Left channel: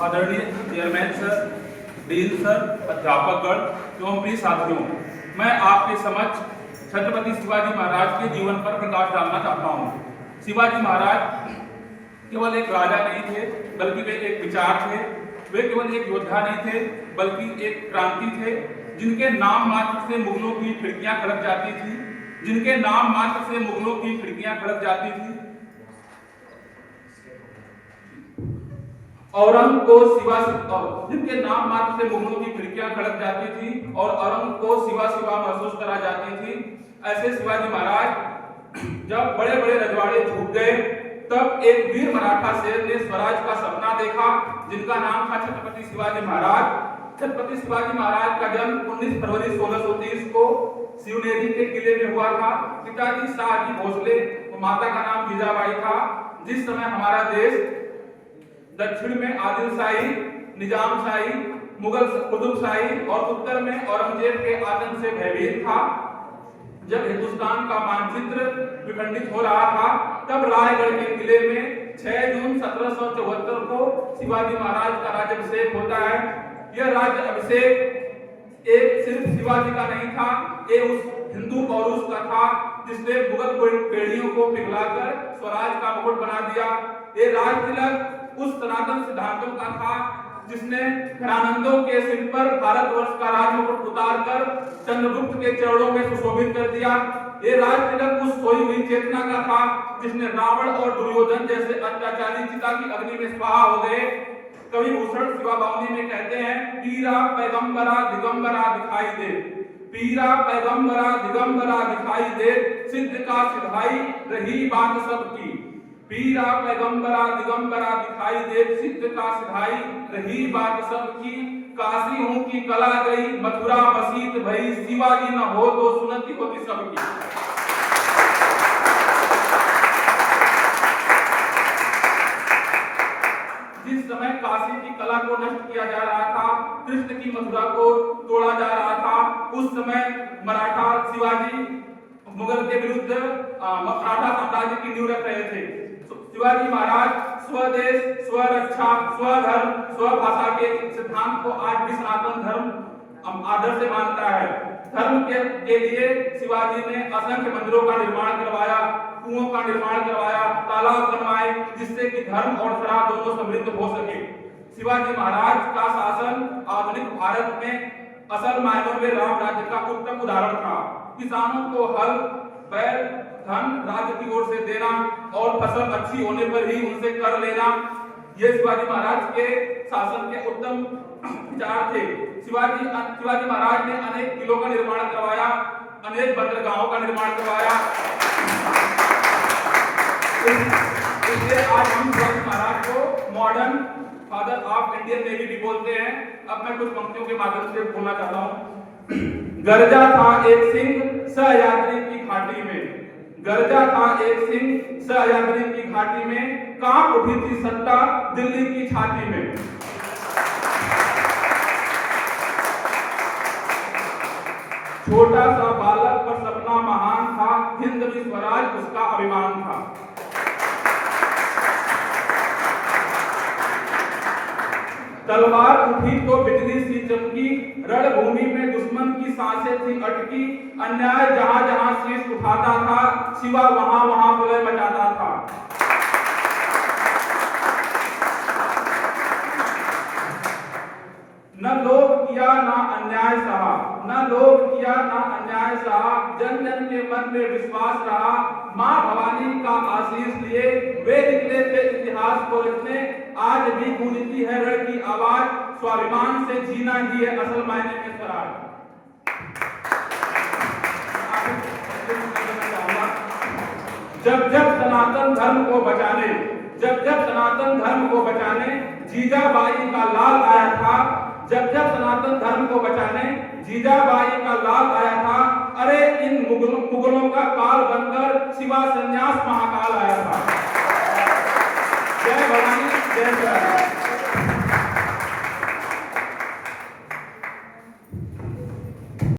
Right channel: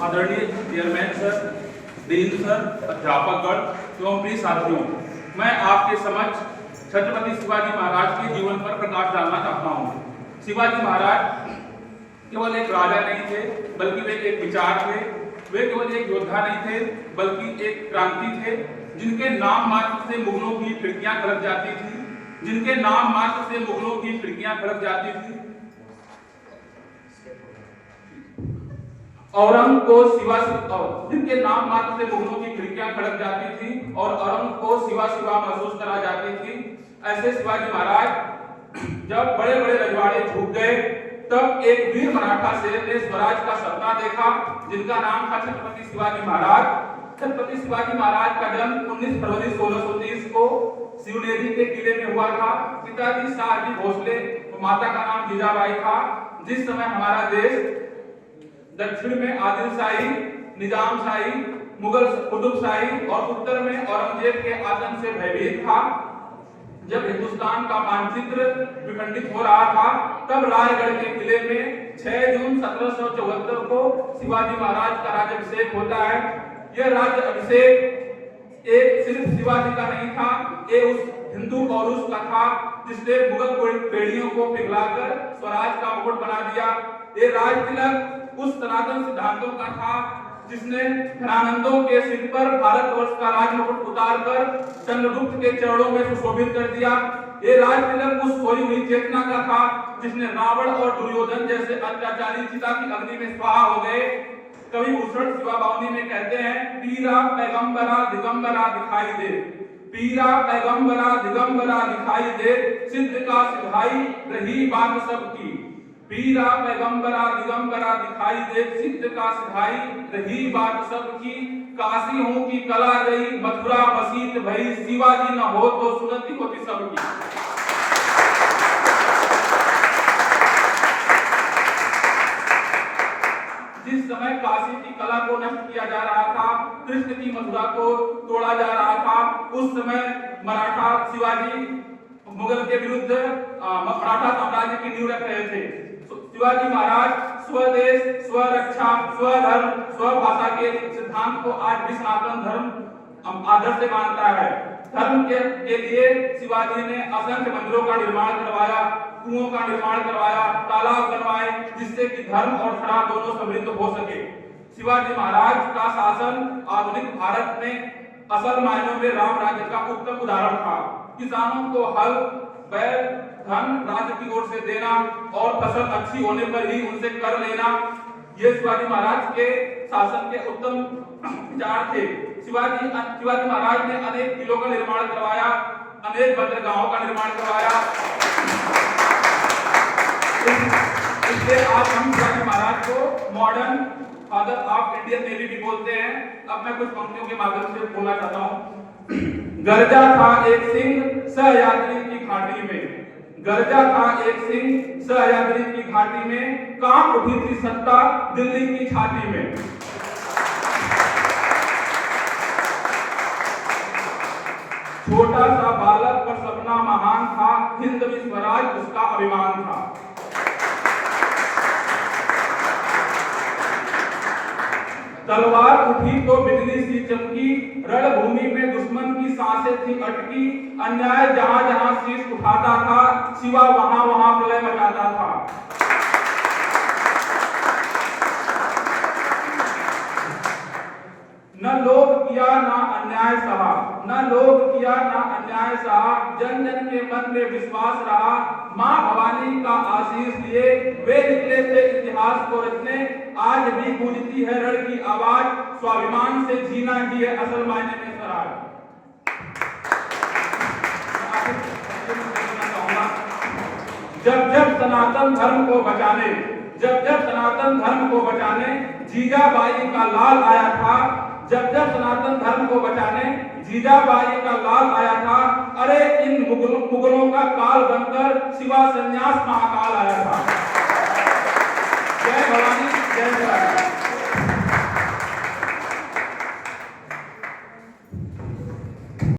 आदरणीय chairman sir, dean sir, अध्यापकगण एवं प्रिय साथियों, मैं आपके समक्ष छत्रपति शिवाजी महाराज के जीवन पर प्रकाश डालना चाहता हूँ। शिवाजी महाराज केवल एक राजा नहीं थे, बल्कि वे एक विचार थे। वे केवल एक योद्धा नहीं थे, बल्कि एक क्रांति थे, जिनके नाम मात्र से मुगलों की खिड़कियां खड़क जाती थी, जिनके नाम मात्र से मुगलों की खिड़कियां खड़क जाती थी। औरंग को जिनके नाम मात्र से मुगलों की खिड़कियां खड़क जाती थी और औरंग को सिवा सिवा महसूस करा जाती थी। ऐसे शिवाजी महाराज जब बड़े बड़े रजवाड़े झुक गए, तब एक वीर मराठा शेर ने स्वराज का सपना देखा, जिनका नाम था छत्रपति शिवाजी महाराज। छत्रपति शिवाजी महाराज का जन्म 19 फरवरी 1630 को शिवनेरी के किले में हुआ था। पिताजी शाहजी भोसले, माता का नाम जीजाबाई था। जिस समय हमारा देश दक्षिण में आदिलशाही, निजामशाही, मुगल कुतुबशाही और उत्तर में औरंगजेब के आतंक से भयभीत था, जब हिंदुस्तान का मानचित्र विखंडित हो रहा था, तब रायगढ़ के किले में 6 जून 1774 को शिवाजी महाराज का राज्याभिषेक होता है। यह राज्य अभिषेक एक सिर्फ शिवाजी का नहीं था, ये उस हिंदू पौरुष का था जिसने मुगल बेड़ियों को पिघलाकर स्वराज का मुकुट बना दिया। ये राज तिलक उस सनातन सिद्धांतों का था जिसने घरानंदों के सिर पर भारतवर्ष का राजमुकुट उतारकर चंद्रगुप्त के चरणों में सुशोभित कर दिया। ये राज तिलक उस सोई हुई चेतना का था जिसने रावण और दुर्योधन जैसे अत्याचारी चिता की अग्नि में स्वाहा हो गए। कवि भूषण शिवा बावली में कहते हैं, पीरा पैगंबरा दिगंबरा दिखाई दे, पीरा पैगंबरा दिगंबरा दिखाई दे, सिद्ध का सिधाई रही बात सबकी। पीरा पैगंबरा दिगंबरा दिखाई दे, सिद्ध का सिधाई रही बात सबकी। काशी हूं की कला गई, मथुरा मसीत भई, शिवाजी न हो तो सुनती होती सबकी। जिस समय काशी की कला को नष्ट किया जा रहा था, कृष्ण की मथुरा को तोड़ा जा रहा था, उस समय मराठा शिवाजी मुगल के विरुद्ध मराठा साम्राज्य की नींव रख रहे थे। शिवाजी महाराज स्वदेश, स्वरक्षा, स्वधर्म, स्वभाषा के सिद्धांत को आज भी सनातन धर्म आदर्श से मानता है। धर्म के लिए शिवाजी ने असंख्य मंदिरों का निर्माण करवाया, कुओं का निर्माण करवाया, तालाब बनवाए, जिससे कि धर्म और सरा दोनों समृद्ध हो सके। शिवाजी महाराज का शासन आधुनिक भारत में असल मायनों में राम राज्य का उत्तम उदाहरण था। किसानों को हल, बैल, धन राज्य की ओर से देना और फसल अच्छी होने पर ही उनसे कर लेना, ये शिवाजी महाराज के शासन के उत्तम विचार थे। शिवाजी महाराज ने अनेक किलों का निर्माण करवाया, अनेक बंदरगाहों का निर्माण करवाया। इसलिए आज हम शिवाजी महाराज को modern father of Indian navy भी बोलते हैं। अब मैं कुछ पंक्तियों के माध्यम से बोलना चाहता हूँ। गर्जा था एक सिंह सहयात्री की घाटी में, गर्जा था एक सिंह सहयात्री की घाटी में, कांप उठी थी सत्ता दिल्ली की छाती में। छोटा सा बालक पर सपना महान था, हिंद भी स्वराज उसका अभिमान था। तलवार उठी तो बिजली सी चमकी, रणभूमि में दुश्मन की सांसें थी अटकी। अन्याय जहां जहां शीश उठाता था, शिवा वहां वहां प्रलय मचाता था। न लोभ किया ना अन्याय सहा, न लोभ किया ना अन्याय सहा, जन जन के मन में विश्वास रहा। मां भवानी का आशीष लिए वे निकले थे इतिहास को रचने। आज भी गूंजती है रण की आवाज, स्वाभिमान से जीना ही है असल मायने में स्वराज। जब जब सनातन धर्म को बचाने, जब जब सनातन धर्म को बचाने जीजाबाई का लाल आया था, जब जब सनातन धर्म को बचाने जीजाबाई का लाल आया था, अरे इन मुगलों का काल बनकर शिवा संन्यास महाकाल आया था। जय भवानी, जय भवानी।